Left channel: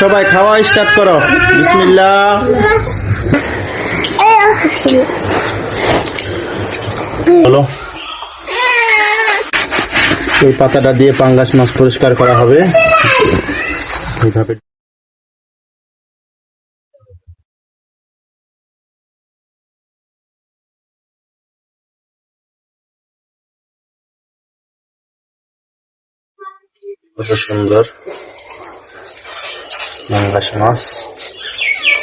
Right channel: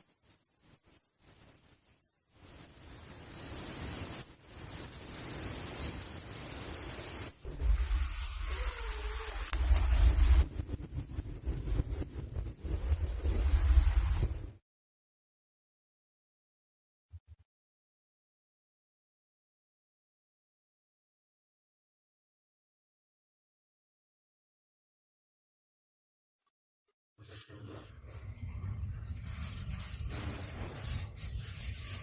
সবাই খাওয়া স্টার্ট করো। বিসমিল্লা বলো। এই পাতাটা দিয়ে পাঙ্গাস মাছ পরিষ্কার করা হবে। সুন্দর। মাছ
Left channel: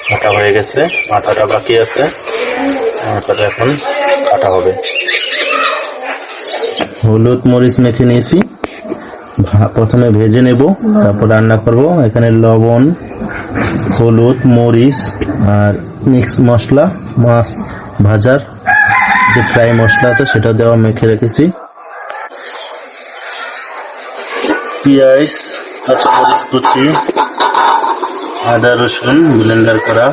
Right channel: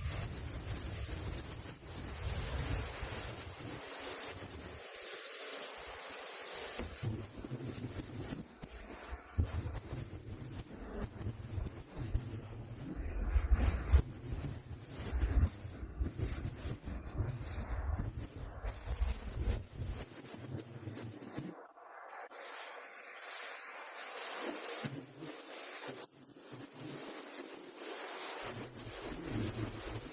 কাটা হয়ে গেছে, মাথাটা বাকি আছে। এখন কাটা হবে। হলুদ মরিচ মেখে নিয়েছি। প্রথমে ভেজে নেব, তারপর রান্না করব। এখানে লবণ, হলুদ, মরিচ আর মিক্স মশলা, মাছ ভাজার যে ফ্রাই মশলা আছে সেটা দেওয়া মেখে রেখেছি। পেঁয়াজ, কাঁচামরিচ কুচি আদা রসুন ব্লেন্ডার করা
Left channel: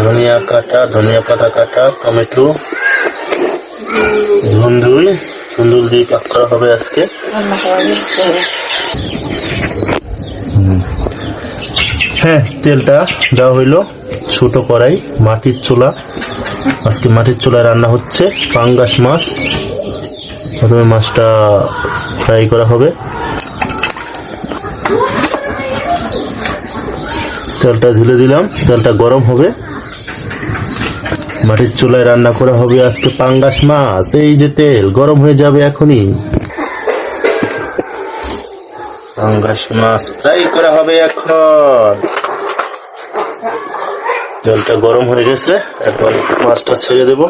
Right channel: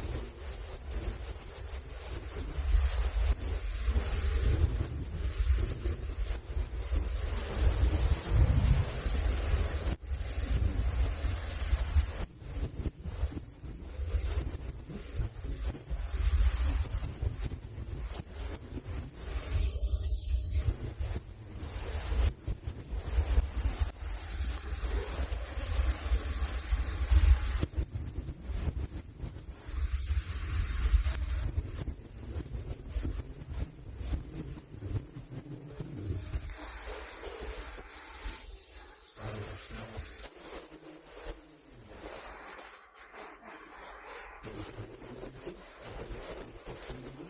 ধনিয়া কাটা ধনিয়া পাতা কাটা টমেটো ধুন্দুল ধুন্দুল দিয়ে পাক করা হবে আজকে। হ্যাঁ তেলটা দেওয়া হইল ছোট কড়াই মাটির চুলা। আজকে মাটির চুলায় রান্না হচ্ছে পাঙ্গাস মাছ। প্রথমে মাছটা ফ্রাই করা হবে। তেলটা ঢেলে দিলাম তেলটা গরম হবে। মাটির চুলায় রান্না করা হবে আজকে পাঙ্গাস মাছ। এই যে তেল, গরম হয়ে যাবে এখনই। পাঙ্গাস মাছ ফ্রাই করা হবে এখন। তেলটা গরম হয়ে গেছে, এখন মাছটা ছেড়ে দেব।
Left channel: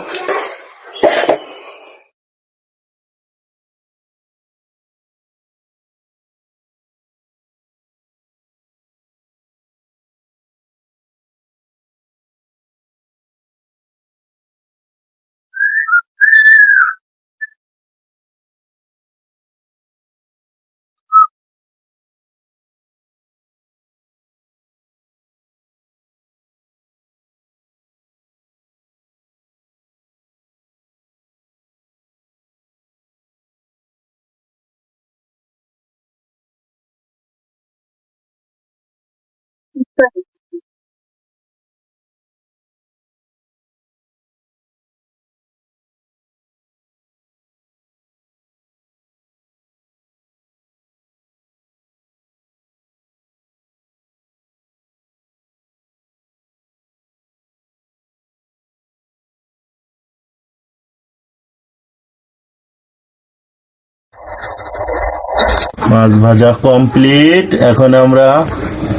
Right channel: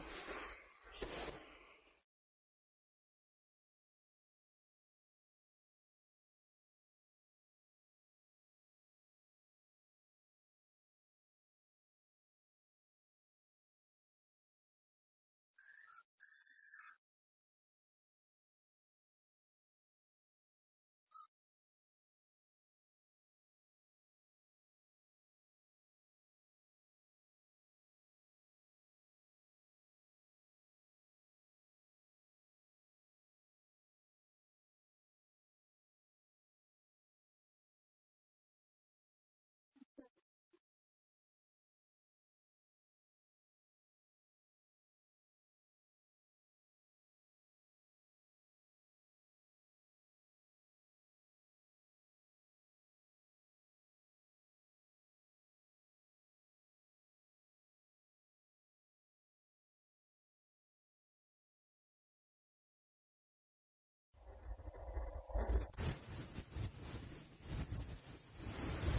মাছ ভাজা কমপ্লিট এখন আমরা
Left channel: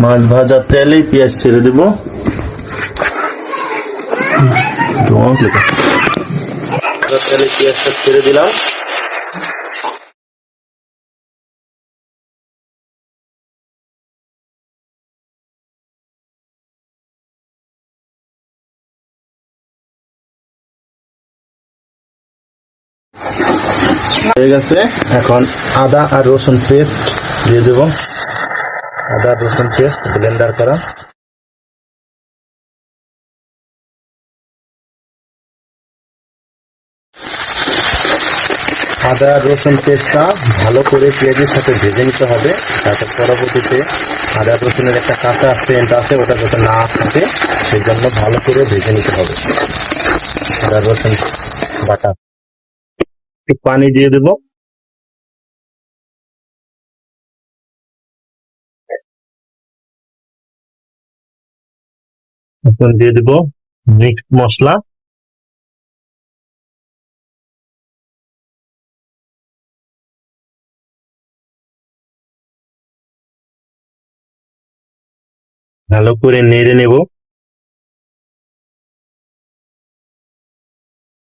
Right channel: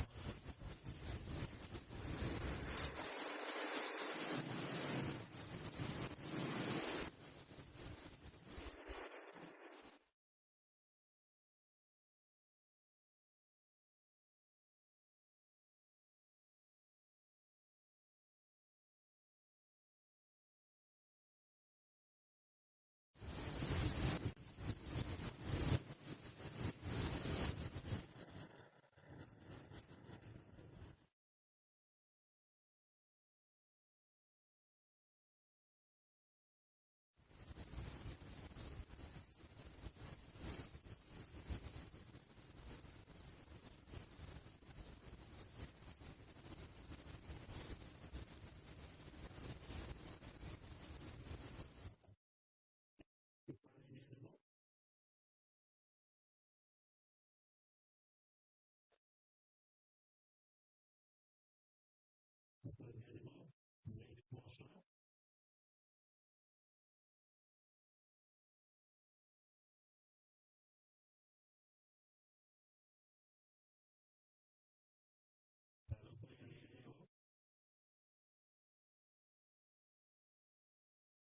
মাছ ভাজা তেলে পেঁয়াজ ছেড়ে দেব। তেলে ছেড়ে দিলাম। হয়ে গেছে। এখন আদা আর রসুন পেস্ট দিয়ে দেব। আদা রসুন, পেস্ট ব্লেন্ডার করা। আদা, রসুন, পেস্টটা ভালো করে পেঁয়াজের সাথে ভেজে নিতে হবে। তারপর পরবর্তীতে আদা, রসুনের একটা কাঁচা সেন্ট আছে, ওটা যাতে না থাকে সেই জন্য ভালো করে ভেজে নিতে হবে। আদা, রসুন, বাটা। একটু পানি দিয়ে দেবো। এখন দিয়ে দেব মিক্স মশলা। ভালো করে নেড়ে নেব।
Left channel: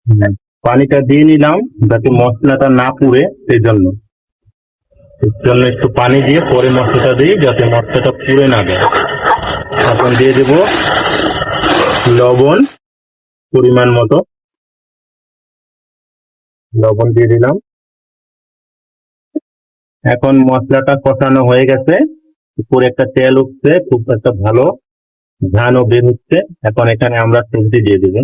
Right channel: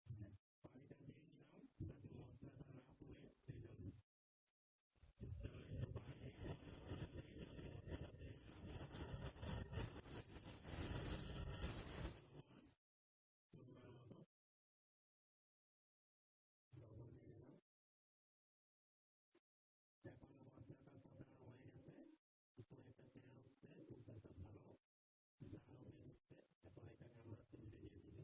হুম, পানিটা দিয়ে নিলাম যাতে মশলাটা না পুড়ে সেই জন্য এর জন্য একটু পানি দিয়ে পরে মশলাটা দিই যাতে মশলাটা পুড়ে না যায়। এখন দিয়ে দেব লবণ পরিমাণ মতো। লবণ দিয়ে দিলাম। এখন মশলাটা কষানো হয়ে গেছে। উপরে একটা তেল উঠছে, খুব একটা ভালো ধানও বের হচ্ছে। এখন এখানে আমরা সবজি দিয়ে দেব।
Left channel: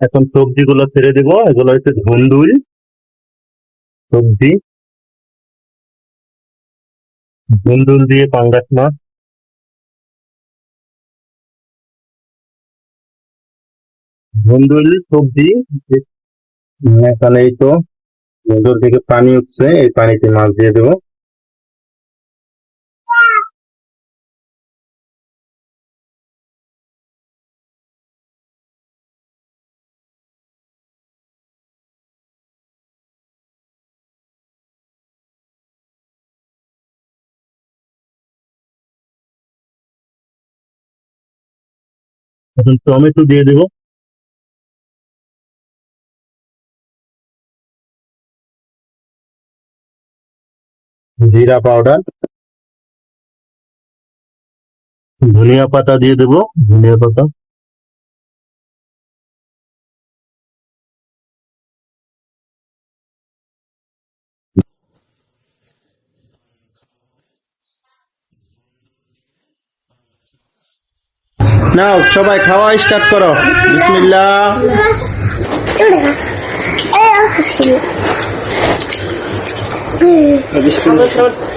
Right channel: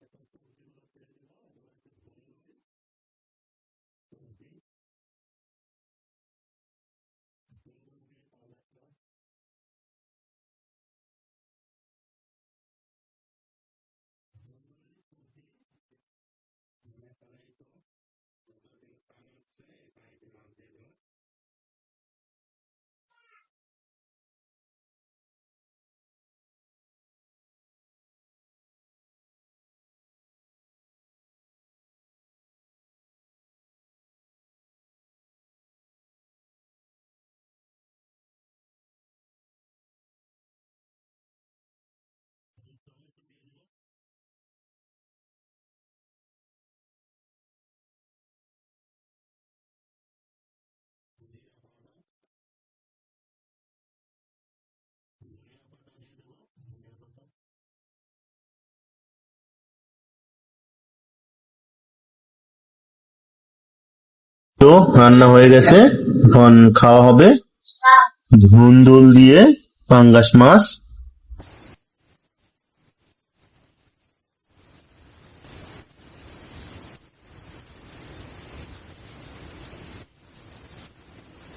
এখন সবজিগুলো ছেড়ে দেব। এগুলো হচ্ছে ধুন্দুল সবজি। ধুন্দুল দিয়ে পাঙ্গাস মাছ ধুন্দুল, সবজি এখানে এই তো। ধুন্দুল থেকে পানি উঠছে, এই পানিতে মাছ দিয়ে দেবো। এখন টমেটো দিয়ে দেবো। জিরা পাউডার ধনিয়া পাতা দিয়ে দেবো ধনিয়া পাতা তো রান্না হয়ে গেছে এখন খাওয়া হবে ধুন্দুল দিয়ে পাঙ্গাস মাছ নাও সবাই খাওয়া স্টার্ট করো বিসমিল্লাহ Eh, sih. Hmm.